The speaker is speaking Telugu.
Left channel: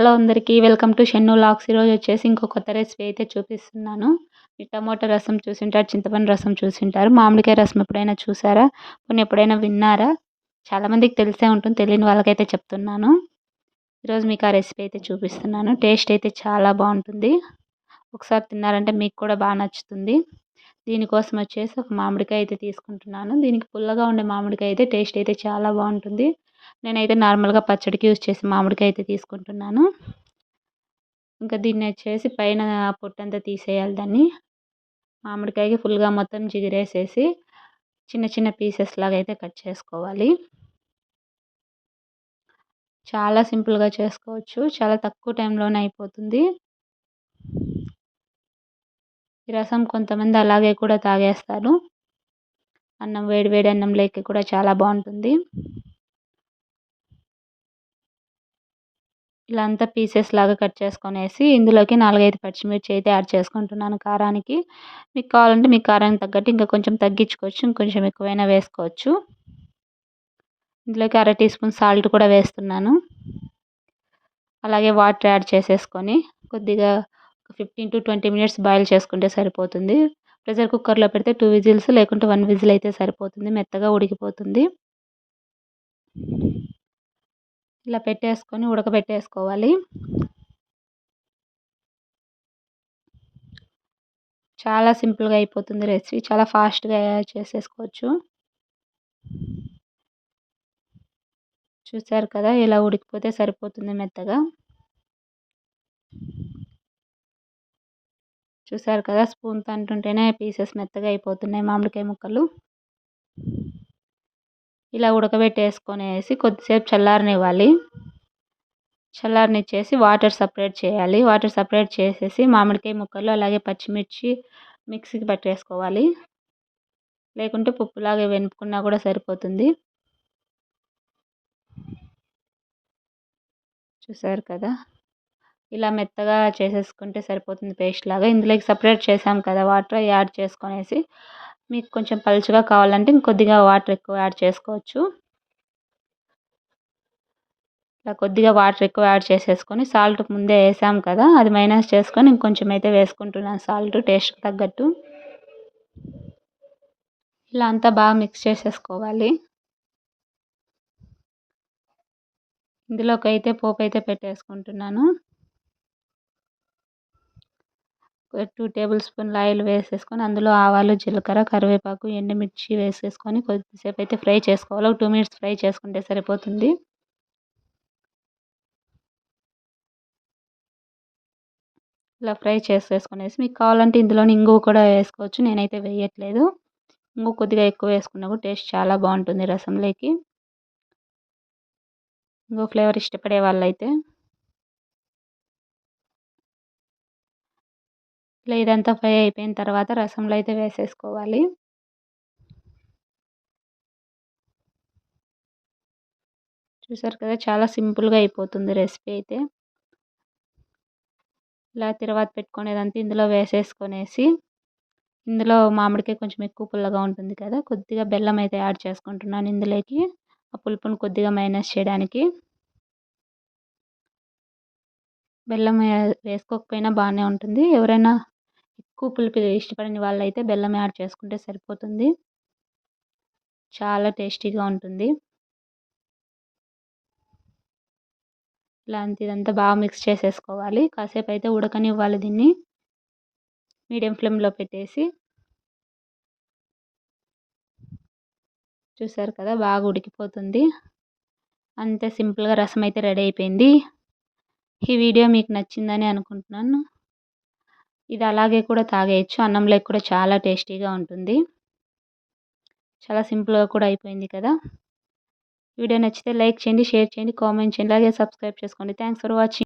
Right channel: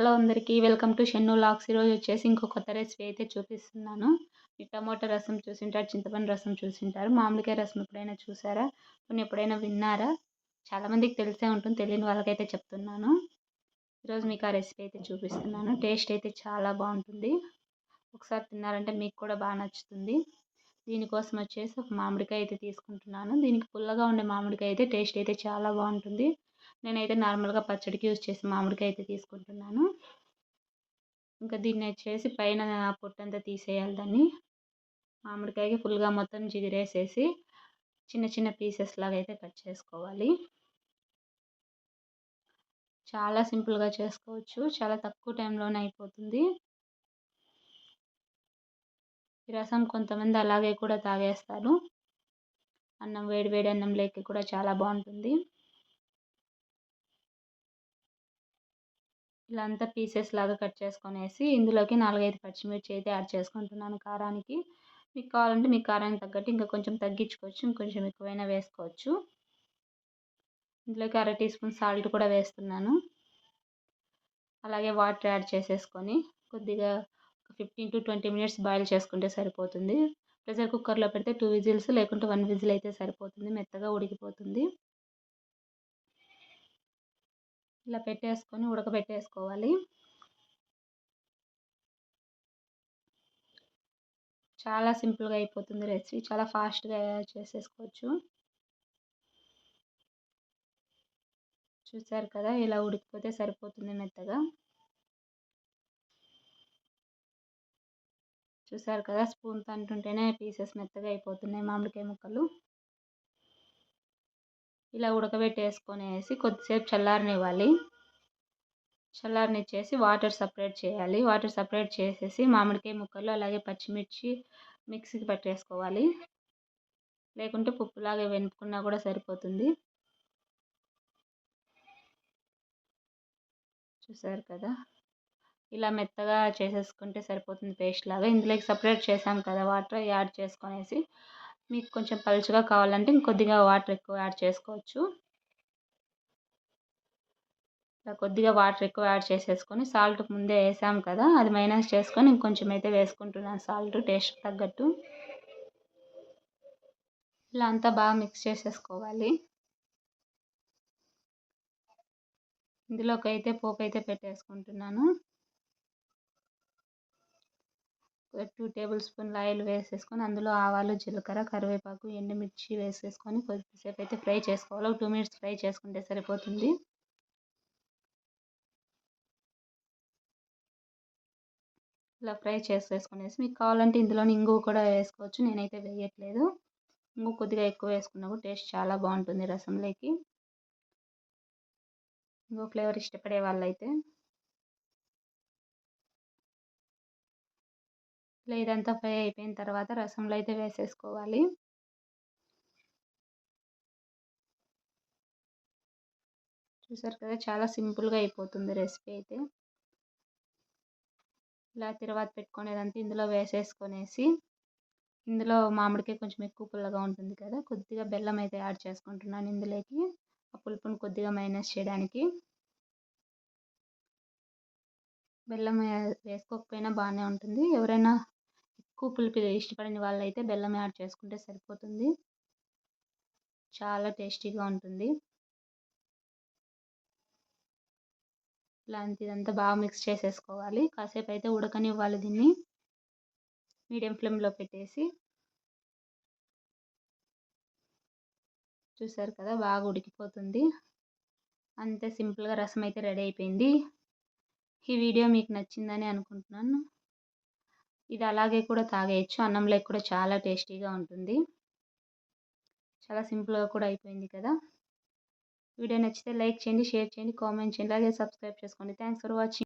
హలో అందరికీ వెల్కమ్ టు షెన్ను లాక్స్. ఈరోజు వచ్చేసి ఇంకో కొత్త రెసిపీ అయితే చూపిస్తున్నాను. ఈ టమోటా రసం చూసింటారు, చింతపండు రసం చూసింటారు, మామిడికాయ రసం ఎప్పుడైనా చూసారా? కొన్ని ఎప్పుడైనా విన్నారా? చాలామందికి తెలిసే ఉంటుంది, తెలియని వాళ్ళకైతే చెప్తున్నాను. ఈరోజు మీకు ఆ రెసిపీ అయితే చూపిస్తున్నాను. టేస్ట్ అయితే చాలా బాగుంటుంది. ఒకసారి తిన్నారంటే మీకు కూడా బాగా నచ్చుతుంది. దీనికోసం వచ్చేసి ఒక మామిడికాయ అయితే తీసుకుంటున్నాను. దీనికి పుల్లగా ఉండే మామిడికాయ అయితే టేస్ట్ అయితే చాలా బాగుంటుంది. నేనైతే నార్మల్గా పచ్చడికి యూజ్ చేసే మామిడికాయ అయితే తీసుకుంటున్నాను. ఇంకా దీన్ని వచ్చేసి పైన పొట్టంతా తీసేయాలి. దాన్ని మామిడికాయకి ఫుల్గా మొత్తం జిగిరేసేసి చిన్న చిన్న పీసెస్ లాగా అయితే కట్ చేసుకోవాలి. చాలా సింపుల్గా చేసుకోవచ్చు, చాలా తక్కువ టైంలోనే అయిపోతుంది. ఈ రసం కొంతమంది అలాగే కూడా తాగేస్తారు. అన్నం వేడి వేడి అన్నంలోకి కూడా చాలా బాగుంటుంది. ఇలా అంతా పీసెస్ లాగా కట్ చేసుకొనేసి ఇందులోకి 4-5 పచ్చిమిర్చి అయితే యాడ్ చేసుకుంటున్నాను కారానికి. మీకు కావాలంటే మీ కారానికి తగ్గట్టు ఇంకా కొంచెం తగ్గించుకోవచ్చు, ఇంకొంచెం ఎక్కువైనా వేసుకోవచ్చు. ఇందులోకి 1/2 టీ స్పూన్ సాల్ట్ కూడా వేస్తున్నాను. అలాగే వాటర్ యాడ్ చేసేసుకొని కొద్దిగా 15-20 మినిట్స్ బాయిల్ చేసుకుంటే సరిపోతుంది. ప్రెషర్ కుక్కర్లో పెడితే 2 విజిల్స్ లేకుంటే 1 విజిల్ అయితే సరిపోతుంది, మెత్తగా ఉడికిపోతుంది. ఇలా పెట్టేసుకొని ఉడకబెట్టేసుకోవాలి. చాలా సింపుల్గా అయిపోతుంది రెసిపీ, చాలా ఫాస్ట్గా చేసేసుకోవచ్చు. చూసారు కదా, ఇలా ఉడికిపోతే సరిపోతుంది మెత్తగా. చూసారు కదా, స్పూన్తో అంటుంటేనే పీసెస్ మెత్తగా అయిపోతున్నాయి మామిడికాయ ముక్కలు. ఇలా ఉడకబెట్టేసుకొనేసి కొద్దిసేపు చల్లారనివ్వాలి. చల్లారనిచ్చేసి వాటర్ సపరేట్ చేయాలి. వాటర్ సపరేట్ చేసేసి మామిడికాయ ముక్కలు అలాగే పచ్చిమిర్చి మిక్సీకి పట్టేసుకోవాలి. లేకుంటే పప్పులాగా వెనుపుకున్నా కూడా సరిపోతుంది. చూసారు కదా, ఇలా మెత్తగా చేసేసుకుంటే సరిపోతుంది పేస్ట్ లాగా. ఇందులోకి సపరేట్ చేసాం కదా వాటర్ యాడ్ చేసుకొనేసి మీకు కొంచెం పలుచగా కావాలంటే ఇంకొద్దిగా వాటర్ ఎక్కువ యాడ్ చేసుకోవచ్చు. ఇలా కొద్దిగా వాటర్ ఎక్కువ యాడ్ చేసేసుకొని సాల్ట్ ముందే వేసాం కదా, అది మైనస్ చేసుకొని ఇంకొంచెం అయితే వేసుకుంటున్నాను సాల్ట్ టేస్ట్కి తగ్గట్టు. ఇలా అంతా బాగా మిక్స్ చేసేసుకోవాలి. ఇందులోకి అయితే పోపు అయితే పెట్టేసుకుంటున్నాను. 2 టేబుల్ స్పూన్ల ఆయిల్ వేసేసుకొని అందులో ఆవాలు, జీలకర్ర, కరివేపాకు, ఎండుమిర్చి వేసేసుకొని కొద్దిసేపు అయితే ఫ్రై చేసుకోవాలి. ఒక 2 మినిట్స్ ఫ్రై చేసుకుంటే సరిపోతుంది. ఇలా ఫ్రై చేసేసుకునేసి మీకు కావాలంటే ఇందులోని ఇంగువ కూడా వేసుకోవచ్చు, నేనైతే వేయట్లేదు. ఇంగువ కొద్దిగా ఎక్కువ వేసుకున్నా కూడా టేస్ట్ చాలా బాగుంటుంది రసంలోకి. ఇంగువ ఫ్లేవర్ ఇష్టపడే వాళ్ళైతే. ఇలా ఇదంతా ఫ్రై అయిపోయిన తర్వాత రసంలో అయితే వేసేసుకోవాలి. చూసారు కదా, చాలా సింపుల్గా అయిపోతుంది రెసిపీ అయితే. ఇలా తిరువాత పెట్టుకునేదంతా ఇందులో వేసేసుకొనేసి ఇందులో మామిడికాయ కొంచెం ఎక్కువ పుల్లగా ఉంటుంది కదా, కొద్దిగా బెల్లం అయితే యాడ్ చేసుకుంటున్నాను ఇందులోకి, ఆ పులుపును కొద్దిగా మైనస్ చేయడానికి. బెల్లం వేసుకోకపోయినా బాగానే ఉంటుంది. ఎవరైనా ఎక్కువ పులుపు ఇష్టపడని వాళ్ళైతే బెల్లం యాడ్ చేసుకుంటే సరిపోతుంది. చాలా టేస్టీగా ఉంటుంది. ఇదంతా బాగా మిక్స్ చేసేసుకోవాలి. కాసేపు అయితే ఉడకనివ్వాలి దీన్ని మీడియం ఫ్లేమ్లో పెట్టేసి. చూసారు కదా, బాగా ఉడికిపోతుంది. అంతే సింపుల్గా రసం అయితే రెడీ అయిపోయింది. ఈ వీడియో మీకు నచ్చిందని అనుకుంటున్నాను. ఇది అలాగే కూడా తాగేయచ్చు, అన్నంలోకి కూడా చాలా టేస్టీగా ఉంటుంది. చాలా సింపుల్గా కూడా అయిపోయింది కదా. వీడియో నచ్చితే లైక్ చేయండి, షేర్ చేయండి, కామెంట్ చేయండి, అలాగే సబ్స్క్రైబ్ చేసుకోండి. Thanks for watching.